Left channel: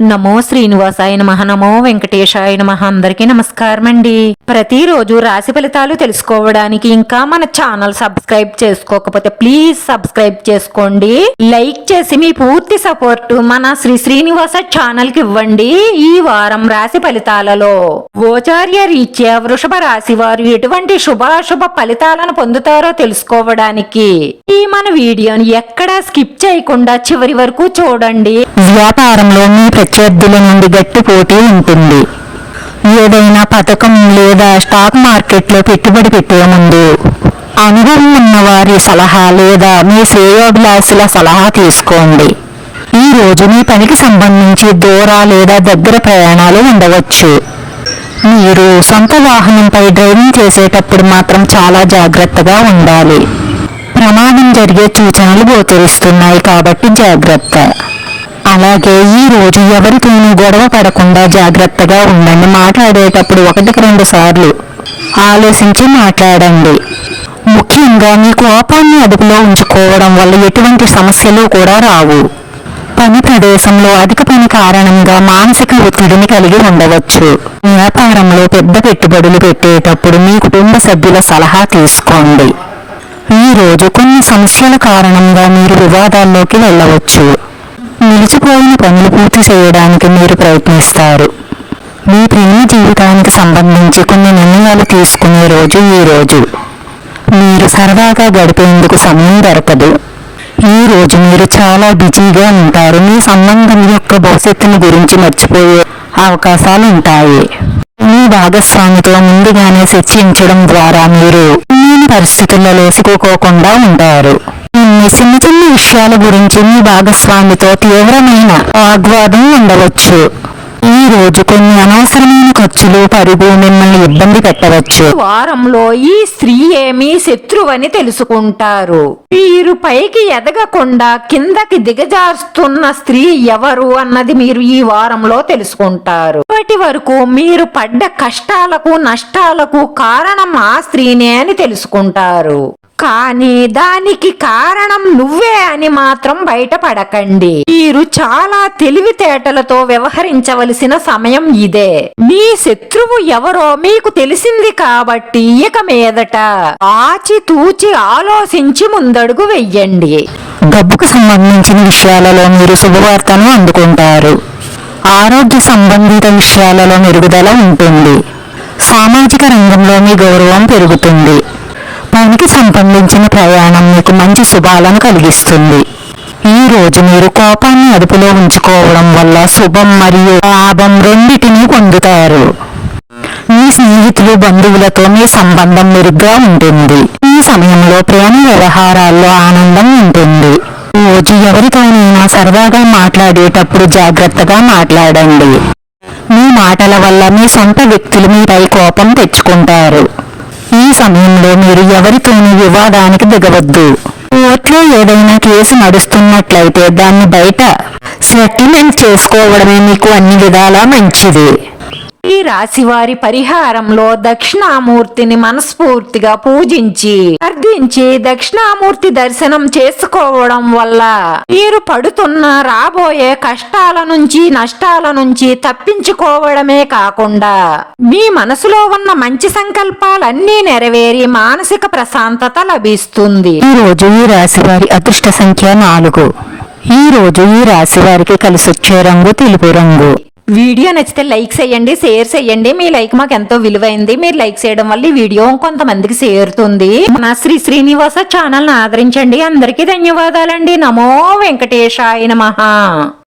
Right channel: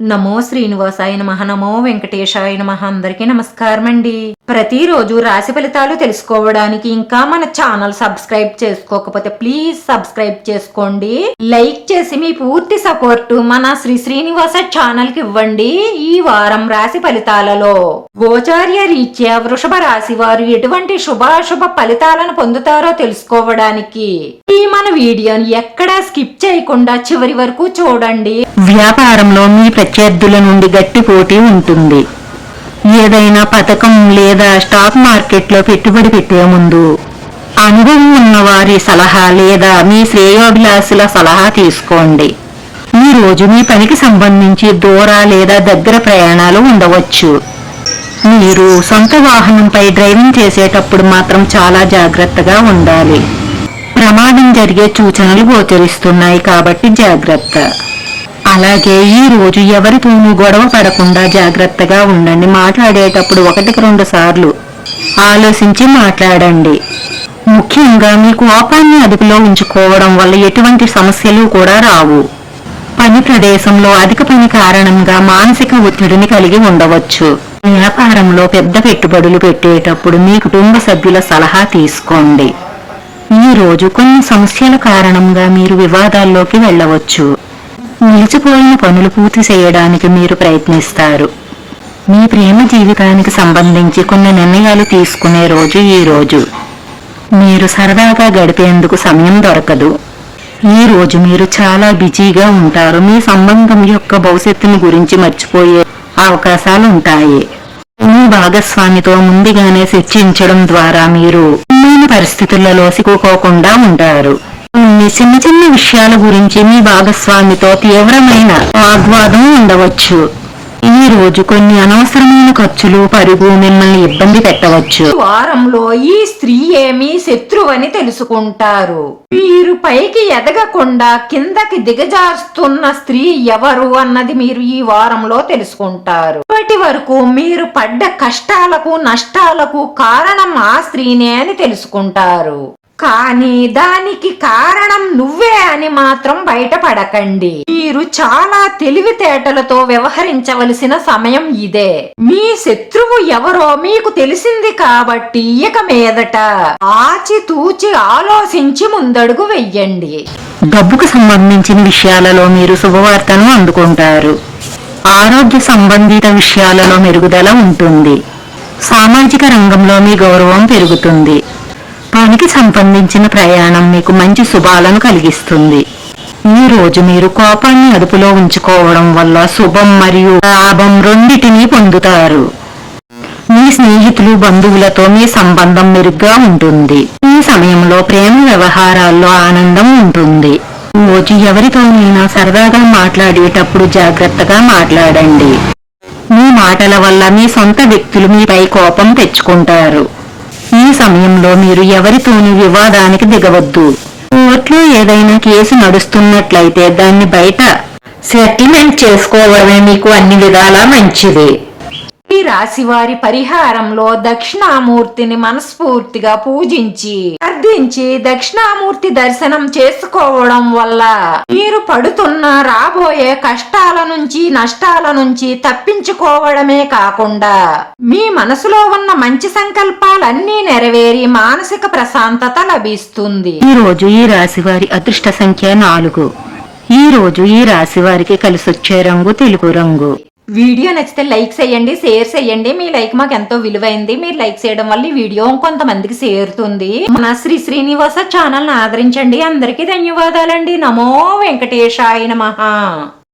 నమో శ్రీనివాసాయ నమః. నమో వెంకటేశాయ నమః. అందరికీ నమస్కారం అండి. ప్రతిరోజు రాశి ఫలితాలు తెలుసుకోవడానికి ఇంకా మన ఛానల్ సబ్స్క్రైబ్ చేసుకోకపోతే ప్లీజ్ సబ్స్క్రైబ్ చేసుకోండి. లైక్ చేసి మీ పూర్తి సపోర్ట్ మన శ్రీనివాస ఛానల్ కి ఇవ్వండి. ఈ వారం రాశి ఫలితాలలో గోచార్య రీత్యా వృషభ రాశి వారు ఎటువంటి శుభాశుభ ఫలితాలను పొందుతారో తెలుసుకోవడానికి ఈ మన వీడియోని ఎక్కడా స్కిప్ చేయకుండా చివరి వరకు చూడండి. వ్యాపారంలో మీ ప్రత్యర్థుల నుండి గట్టి పోటీ ఉంటుంది. ఏదైనా పథకం లేదా స్టాక్ మార్కెట్లో పెట్టుబడి పెట్టే ముందు అనుభవం ఉన్న వారి సలహా లేదా మీ శ్రేయోభిలాషుల సలహా తీసుకోండి. ఈ రోజు మీ పనికి సంబంధించి దూర లేదా దగ్గర ప్రయాణాలు ఉండవచ్చు. మీరు సొంత వాహనంపై డ్రైవింగ్ చేసేటప్పుడు మాత్రం చాలా జాగ్రత్తగా ఉండాలి. ప్రమాదం జరిగే సూచనలు గోచరిస్తున్నాయి కాబట్టి జాగ్రత్త. అలాగే ఈ రోజు ఎవరితోనూ గొడవ పడకుండా జాగ్రత్తగా ఉండండి. మాట్లాడేటప్పుడు 1-2 సార్లు ఆలోచించి మాట్లాడండి. ముఖ్యంగా మీ కోపాన్ని అదుపులో ఉంచుకోవడం వల్ల ఎటువంటి సమస్యలు కూడా రావు. పని ప్రదేశంలో అధిక పని కారణంగా మానసిక ఒత్తిడిని కలిగి ఉండవచ్చు. వ్యాపారంలో పెద్ద పెట్టుబడులు పెట్టేటప్పుడు మీ కుటుంబ సభ్యుల సలహా తీసుకోండి. ఈ రోజు కొన్ని సమస్యల కారణంగా మీరు వివాదాల్లోకి వెళ్ళవచ్చు. నిలిచిపోయిన పనులు పూర్తి చేయడానికి మీరు ప్రయత్నిస్తారు. మీ ప్రేమ జీవితానికి సంబంధించి కొన్ని నిర్ణయాలు తీసుకునే రోజు ఈ రోజు. మీరు సరదాగా గడిపేందుకు సమయం దొరకదు. ఈ రోజు మీరు చాలా బిజీగా ఉంటారు. మీ సంబంధం యొక్క భవిష్యత్తుని గురించి మర్చిపోయే అవకాశాలు ఉంటాయి. మీ భాగస్వామితో ముందుగానే చర్చించడం ద్వారా మీరు అన్ని పరిస్థితులలో సిక్కుకోకుండా ఉంటారు. చిన్న చిన్న విషయాల గురించి మీ భాగస్వామితో తీవ్రమైన వాగ్వాదం ఉండవచ్చు. ఈ రోజు కొన్ని అనవసరమైన ఖర్చులు పరుగు మిమ్మల్ని ఇబ్బంది పెట్టవచ్చు. వారంలో ఈ స్త్రీ ఏమీ శత్రువని తెలుసుకుంటారు. మీరు పైకి ఎదగకుండా కిందకి దిగజారుస్తున్న స్త్రీ ఎవరు అన్నది మీరు ఈ వారంలో తెలుసుకుంటారు. ఇప్పటి వరకు మీరు పడ్డ కష్టాలకు నష్టాలకు కారణం ఆ స్త్రీనే అని తెలుసుకుంటారు. కానీ దానికి కారణం నువ్వే అని మాత్రం బయటపడకండి. మీరు చాలా తెలివితేటలతో వ్యవహరించవలసిన సమయం ఇదే. మీ శత్రువు ఎవరో మీకు తెలిసింది కాబట్టి ఇక మీదట ఆచితూచి ఆలోచించి ముందడుగు వెయ్యండి. డబ్బుకు సంబంధించిన విషయాలలో మీరు శుభవార్తను అందుకుంటారు. ఆరోగ్య సంబంధిత విషయాలలో మెరుగుదల ఉంటుంది. సామాజిక రంగంలో మీ గౌరవం పెరుగుతుంది. పనికి సంబంధించిన ప్రయాణం మీకు మంచి శుభాలను కలిగిస్తుంది. ఈ రోజు మీరు కోపాన్ని అదుపులో ఉంచుకోవడం వల్ల శుభం మరియు లాభం రెండింటినీ పొందుతారు. మీ స్నేహితులు బంధువులతో మీ సంబంధం మెరుగ్గా ఉంటుంది. ఈ సమయంలో ప్రేమ వ్యవహారాల్లో ఆనందం ఉంటుంది. రోజు ఎవరితోనైనా సరదాగా మాట్లాడేటప్పుడు జాగ్రత్తగా మాట్లాడండి. మీ మాటల వల్ల మీ సొంత వ్యక్తులు మీపై కోపం తెచ్చుకుంటారు. ఈ సమయంలో మీరు ఎవరితోనూ వివాదానికి దిగవద్దు. కోర్టులో ఏదైనా కేసు నడుస్తున్నట్లయితే దాన్ని బయట సెటిల్మెంట్ చేసుకోవడమే మీకు అన్ని విధాలా మంచిది. ఈ రాశి వారి పరిహారంలో దక్షిణామూర్తిని మనస్ఫూర్తిగా పూజించి అర్థించి దక్షిణామూర్తి దర్శనం చేసుకోవడం వల్ల మీరు పడుతున్న రాబోయే కష్టాల నుంచి నష్టాల నుంచి తప్పించుకోవడమే కాకుండా మీ మనసులో ఉన్న మంచి సంకల్పాలన్నీ నెరవేరి మానసిక ప్రశాంతత లభిస్తుంది. ఈ రోజు ఈ రాశి వారి అదృష్ట సంఖ్య 4. ఈ రోజు ఈ రాశి వారికి కలిసొచ్చే రంగు తెలుపు రంగు. వీడియో నచ్చితే లైక్ చేయండి, షేర్ చేయండి. మీ లైక్ మాకు ఎంతో విలువైంది. మీరు లైక్ చేయడం వల్ల ఈ వీడియో కొంతమందికి చేరుతుంది. మన శ్రీనివాస ఛానల్ ని ఆదరించండి. అందరికీ ధన్యవాదాలండి. నమో వెంకటేశాయ నమః.